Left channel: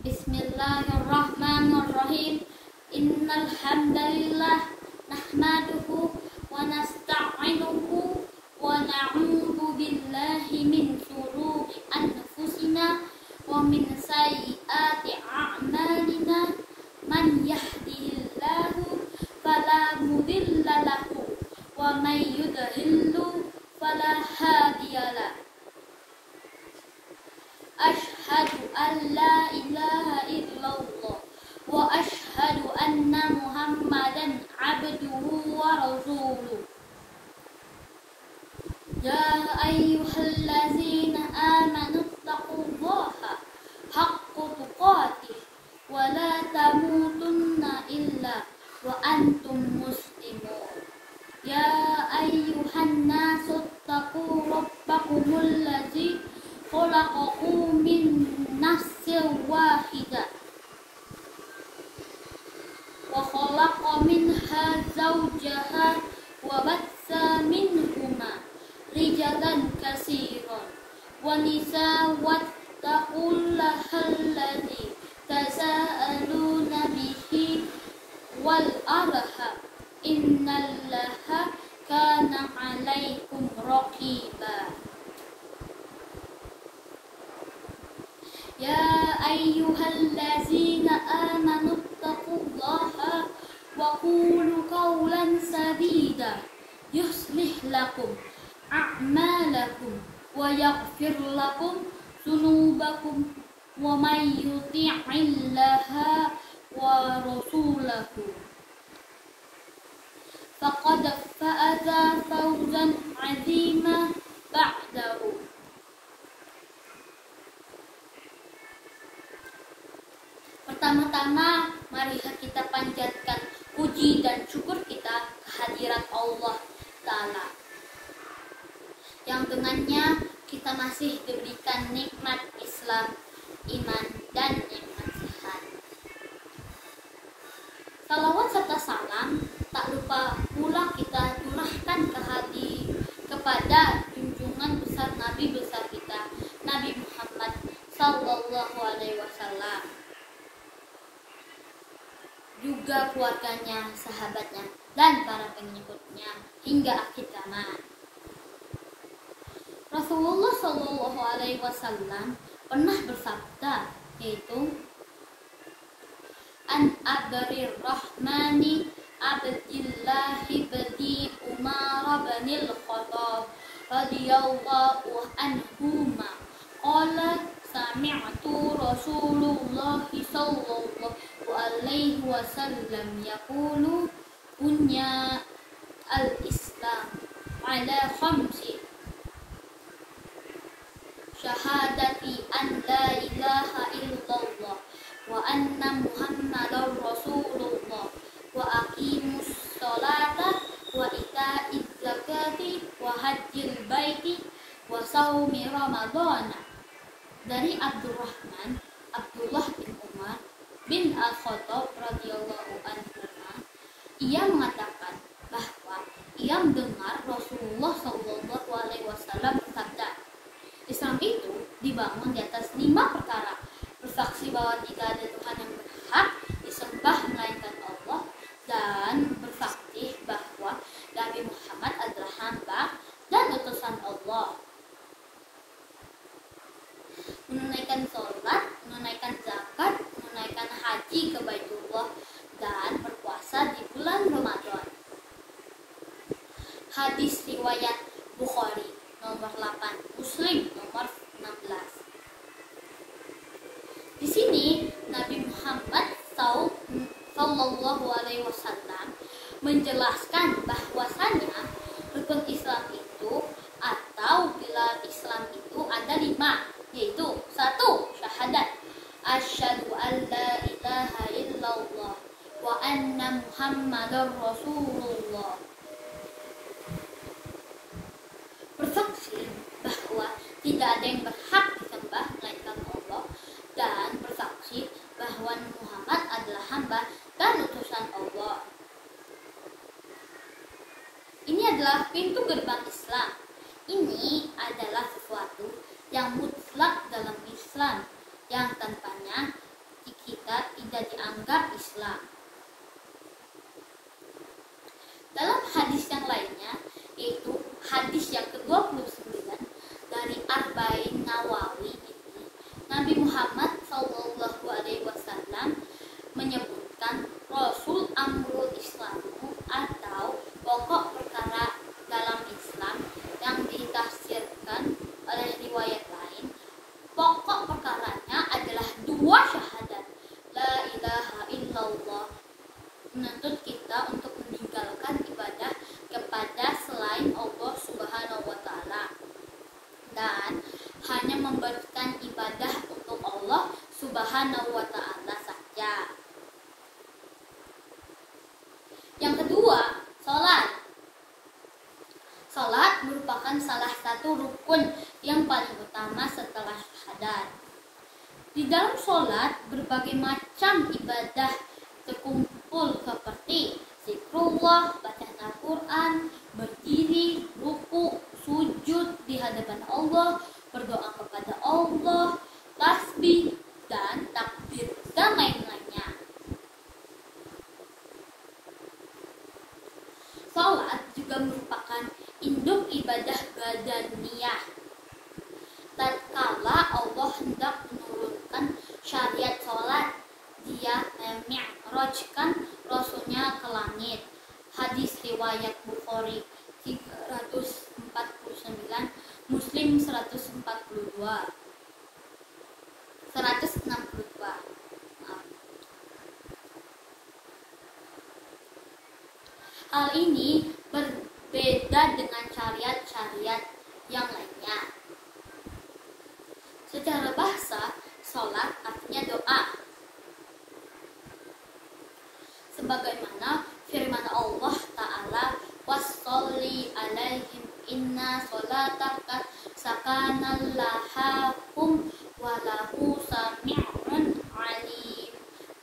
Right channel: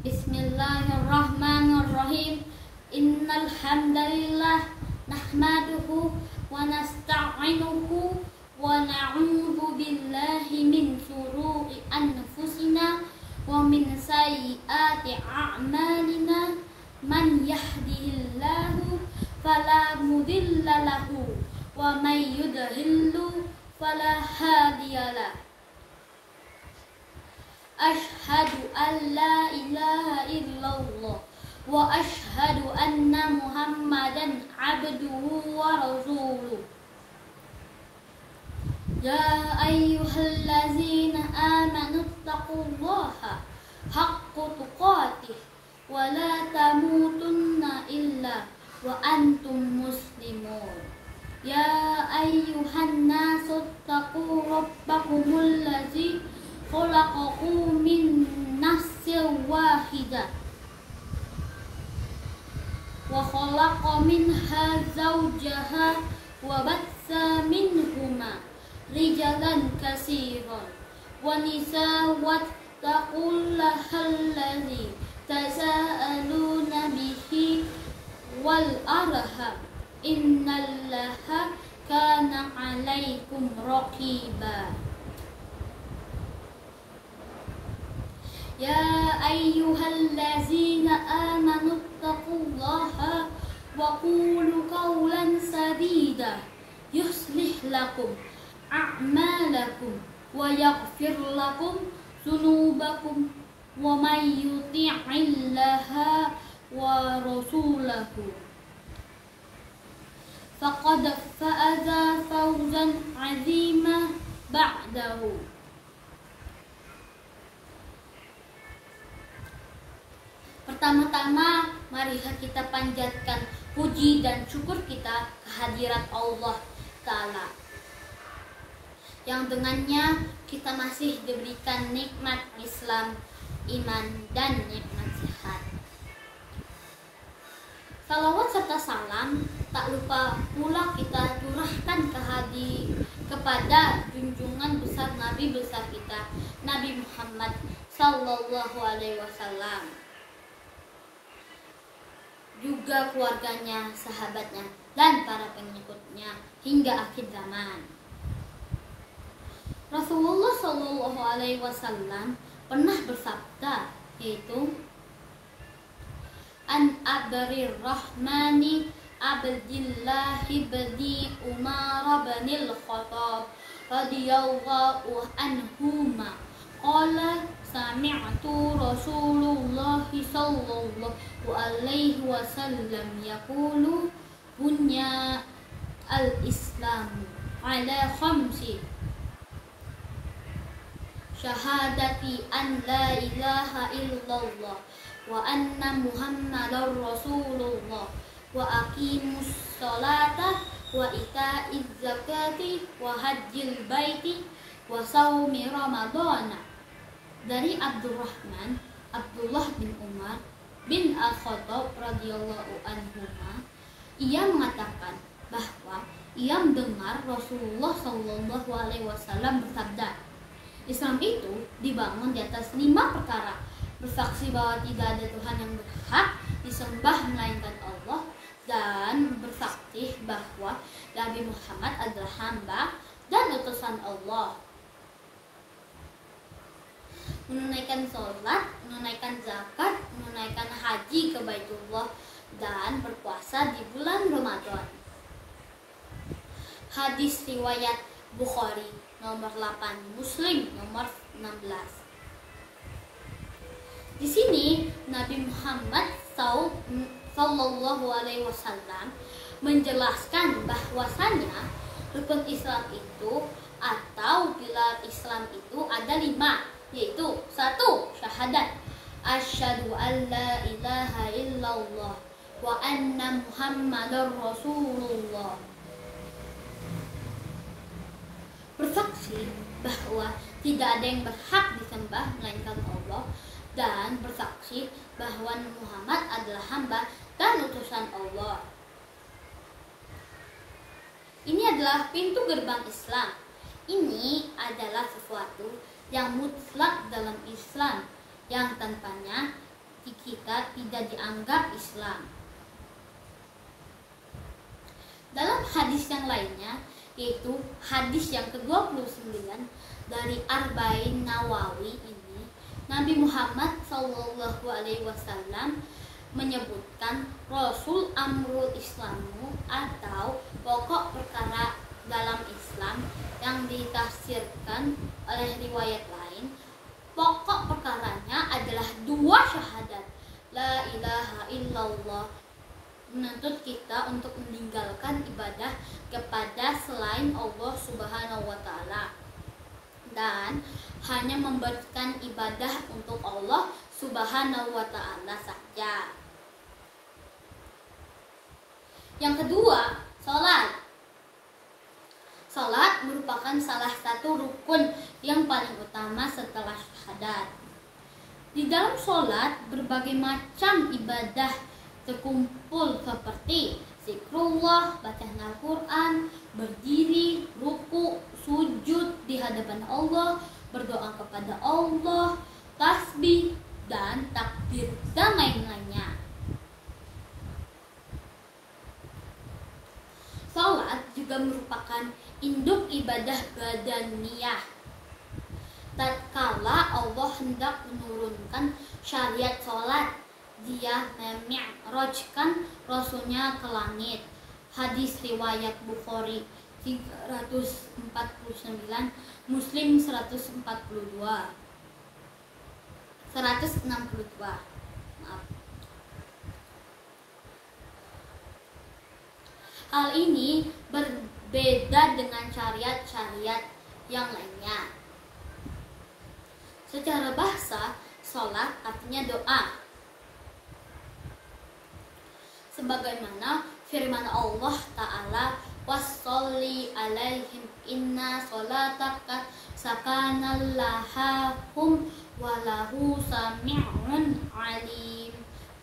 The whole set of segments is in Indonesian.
Bismillahirrahmanirrahim. Innal hamdalillah nahmaduhu wa nasta'inuhu wa na'udzu billahi min shururi anfusina wa min sayyiati a'malina. Man yahdihillahu fala mudilla lahu wa may yudhlilhu fala hadiyalah. Ashhadu an la ilaha illallah wa ashhadu anna Muhammadan abduhu wa rasuluh. Ya ayyuhallazina amanu taqullaha haqqa tuqatih wa la tamutunna illa wa antum muslimun. Ya ayyuhan nasu taqu rabbakumul ladzi khalaqakum min nafsin wahidah wa khalaqa minha zawjaha wa batha minhuma rijalan katsiran wa nisaa wattaqullaha alladzi tasaaluna bihi wal arham innallaha kana 'alaikum raqiba. Ya ayyuhallazina amanu taqullaha wa qulu qawlan sadida yuslih lakum a'malakum wa yaghfir lakum dzunubakum wa may yuti'illaha wa rasulahu faqad faza fawzan 'azima ba'dahu. Pertama-tama, marilah kita panjatkan puji dan syukur kita kehadirat Allah Ta'ala, yang dengannya kita masih diberikan nikmat Islam, iman, dan nikmat sehat. Salawat serta salam tak lupa pula kita curahkan kepada junjungan besar Nabi besar kita, Nabi Muhammad Sallallahu Alaihi Wasallam, juga keluarganya, sahabatnya, dan para pengikutnya hingga akhir zaman. Rasulullah Shallallahu Alaihi Wasallam pernah bersabda, yaitu An Abrir Rahmani Abdillahi bani Umar bin Al-Khattab radhiyallahu anhuma qala sami'tu Rasulullah sallallahu alaihi wasallam yaqulu bunya al-islam ala khamsi syahadati an la ilaha illallah wa anna muhammadar rasulullah wa aqimus sholata wa ita'iz zakati wa hajjil baiti wa shaumi ramadhana. Dari Abdullah bin Umar bin Al-Khattab radhiyallahu anhu, ia mengatakan bahwa ia mendengar Rasulullah Shallallahu Alaihi Wasallam bersabda, Islam itu dibangun di atas 5 perkara: bersaksi bahwa tidak ada Tuhan yang berhak disembah melainkan Allah, dan bersaksi bahwa Nabi Muhammad adalah hamba dan utusan Allah, menunaikan sholat, menunaikan zakat, menunaikan haji ke Baitullah, dan berpuasa di bulan Ramadan. Hadis riwayat Bukhari nomor 8, Muslim nomor 16. Di sini Nabi Muhammad Sallallahu Alaihi Wasallam menjelaskan bahwasanya rukun Islam itu atau pilar Islam itu ada 5, yaitu 1. Syahadat asyhadu an la ilaha illallah wa anna muhammadar rasulullah, bersaksi bahwa tidak ada yang berhak disembah melainkan Allah, dan bersaksi bahwa Muhammad adalah hamba dan utusan Allah. Ini adalah pintu gerbang Islam. Ini adalah sesuatu yang mutlak dalam Islam, yang tanpanya kita tidak dianggap Islam. Dalam hadis yang lainnya, yaitu hadis yang ke-29 dari Arba'in Nawawi ini, Nabi Muhammad SAW menyebutkan Rasul Amrul Islamu atau pokok perkara dalam Islam yang ditafsirkan oleh riwayat lain. Pokok perkaranya adalah dua syahadat, la ilaha illallah, menuntut kita untuk meninggalkan ibadah kepada selain Allah Subhanahu wa Ta'ala, dan hanya memberikan ibadah untuk Allah Subhanahu wa Ta'ala saja. Yang kedua, sholat. Sholat merupakan salah satu rukun yang paling utama setelah syahadat. Di dalam sholat, berbagai macam ibadah terkumpul seperti zikrullah, bacaan Al-Quran, berdiri, ruku, sujud di hadapan Allah, berdoa kepada Allah, tasbih, dan takbir, dan lain-lainnya. Salat juga merupakan induk ibadah badaniyah. Tatkala Allah hendak menurunkan syariat salat, Dia memi'rajkan Rasulnya ke langit. Hadis riwayat Bukhari 349, Muslim 162. Hal ini berbeda dengan syariat-syariat yang lainnya. Secara bahasa, sholat artinya doa. Sebagaimana firman Allah Ta'ala, "Washolli alaihim inna sholataka sakanal lahum walahu sami'un alim."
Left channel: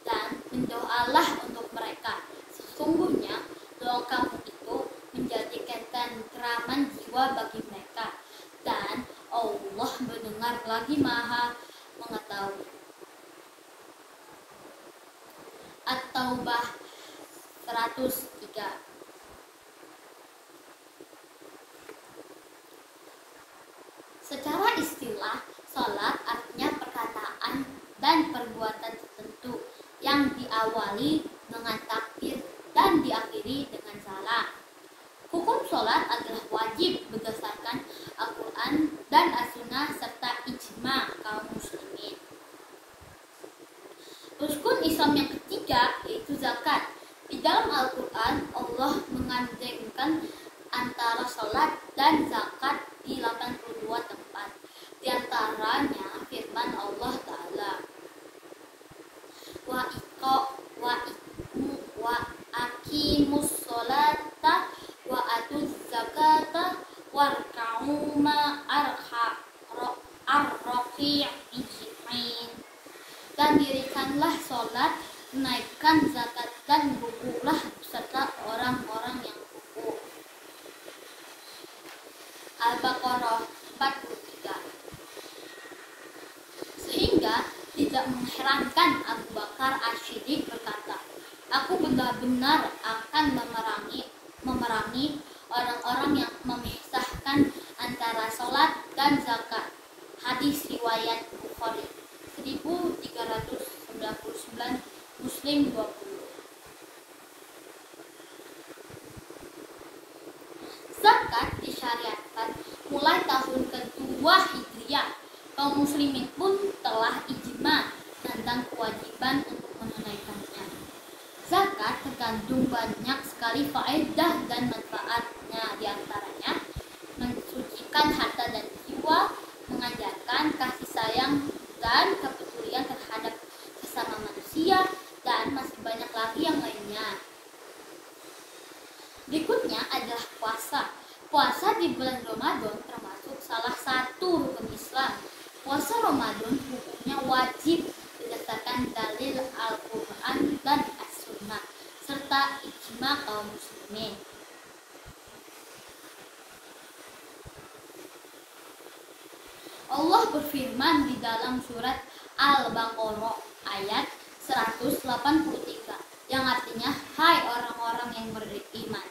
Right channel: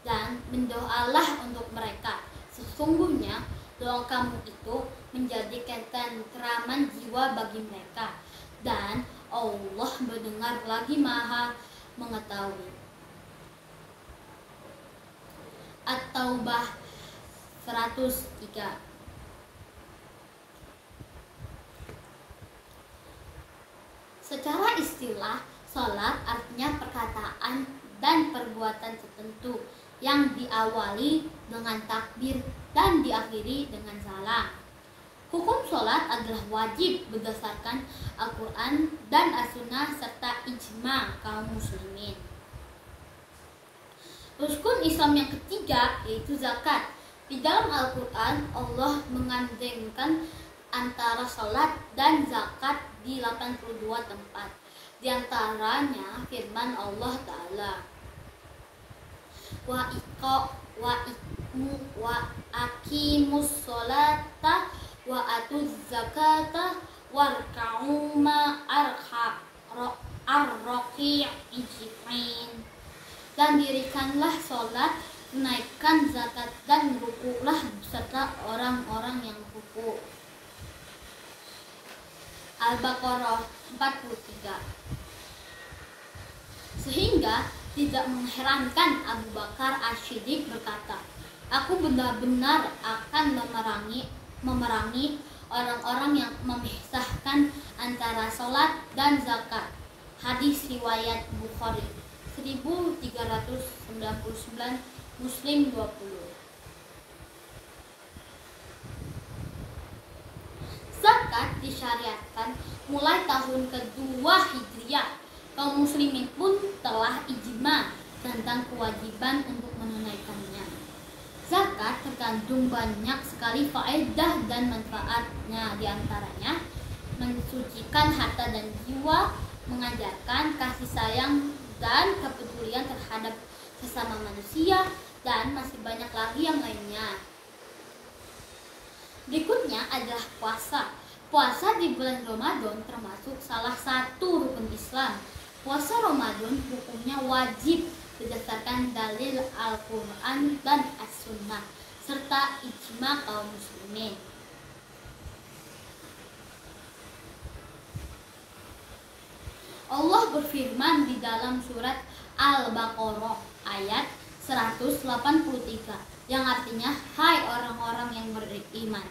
Dan mendoalah untuk mereka. Sesungguhnya doa kamu itu menjadikan tenteraman jiwa bagi mereka, dan Allah mendengar lagi Maha mengetahui. At-Taubah 103. Secara istilah, salat artinya perkataan dan perbuatan tertentu yang diawali dengan takbir dan diakhiri dengan salam. Hukum sholat adalah wajib berdasarkan Al-Quran dan As-Sunnah serta ijma kaum muslimin. Rukun Islam yang ketiga yaitu zakat. Di dalam Al-Quran, Allah mengandengkan antara sholat dan zakat di 82 tempat. Di antaranya firman Allah Ta'ala, wa aqimus sholata wa atuz zakata warka'u ma'ar-raki'in. Dan dirikanlah sholat, naikkan zakat, dan rukulah beserta orang-orang yang ruku. Al-Baqarah 43. Sehingga tidak mengherankan Abu Bakar As-Siddiq berkata, "Aku benar-benar akan memerangi orang-orang yang memisahkan antara sholat dan zakat." Hadis riwayat Bukhari 1399, Muslim 20. Zakat disyariatkan mulai tahun kedua Hijriah. Kaum muslimin pun telah ijma tentang kewajiban untuk menunaikannya. Zakat terkandung banyak sekali faedah dan manfaatnya, diantaranya mensucikan harta dan jiwa, mengajarkan kasih sayang dan kepedulian terhadap sesama manusia, dan masih banyak lagi yang lainnya. Berikutnya adalah puasa. Puasa di bulan Ramadan termasuk salah satu rukun Islam. Puasa Ramadan hukumnya wajib berdasarkan dalil Al-Quran dan As-Sunnah serta ijma kaum muslimin. Allah berfirman di dalam surat Al-Baqarah ayat 183 yang artinya, hai orang-orang yang beriman,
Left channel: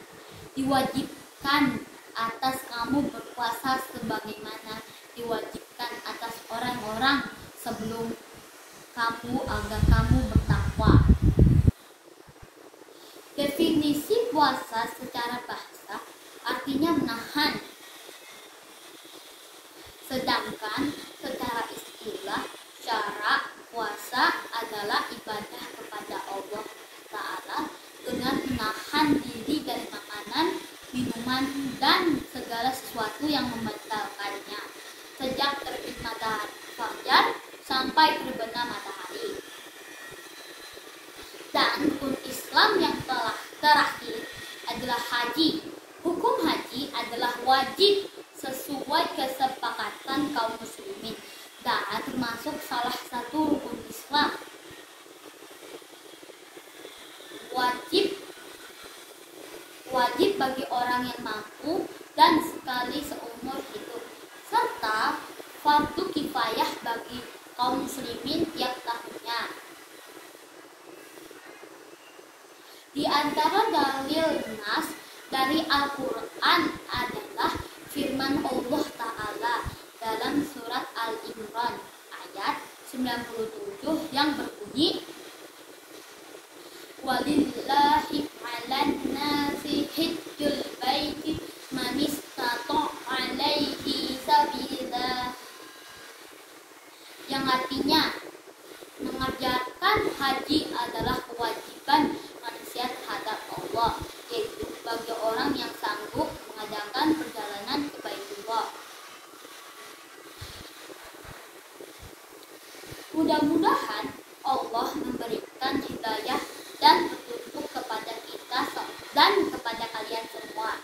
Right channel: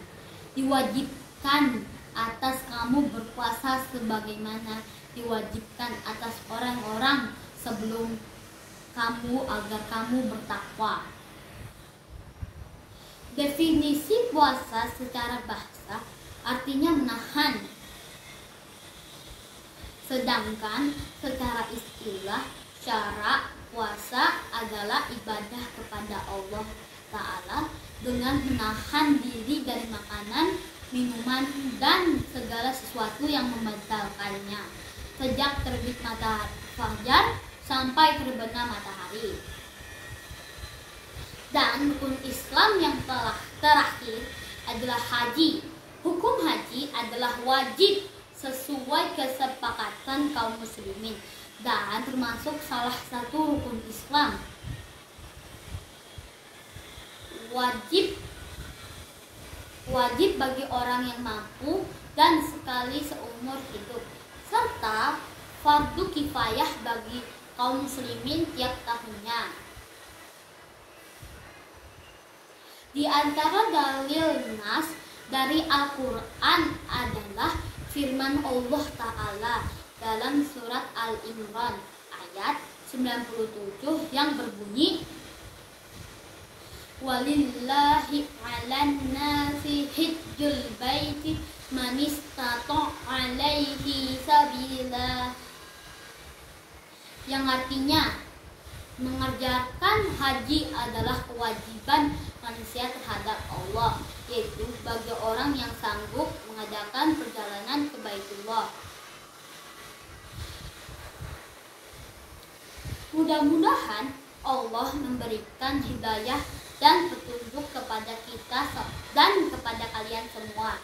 diwajibkan atas kamu berpuasa sebagaimana diwajibkan atas orang-orang sebelum kamu agar kamu bertakwa. Definisi puasa secara bahasa artinya menahan. Sedangkan secara istilah cara puasa adalah ibadah kepada Allah Ta'ala dengan menahan diri dari makanan, minuman, dan segala sesuatu yang membatalkannya sejak terbit matahari fajar sampai terbenam matahari. Dan rukun Islam yang telah terakhir adalah haji. Hukum haji adalah wajib sesuai kesepakatan kaum muslimin dan termasuk salah satu rukun Islam. Wajib bagi orang yang mampu dan sekali seumur hidup, serta fardu kifayah bagi kaum muslimin tiap tahunnya. Di antara dalil nas dari Al-Quran adalah firman Allah Ta'ala dalam surat Al-Imran ayat 97 yang berbunyi, walillahi 'alan nasi hijjul baiti man istata' 'alaihi sabila, yang artinya mengerjakan haji adalah kewajiban manusia terhadap Allah, yaitu bagi orang yang sanggup mengadakan perjalanan ke Baitullah. Mudah-mudahan Allah memberikan hidayah dan petunjuk kepada kita dan kepada kalian semua.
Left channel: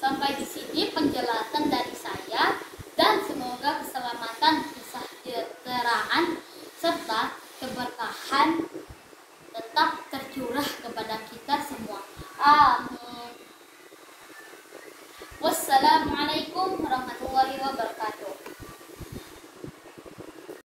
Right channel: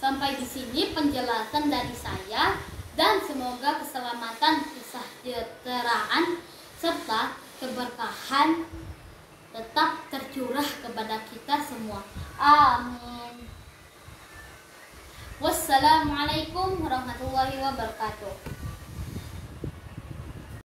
Sampai di sini penjelasan dari saya, dan semoga keselamatan, kesejahteraan, serta keberkahan tetap tercurah kepada kita semua. Amin.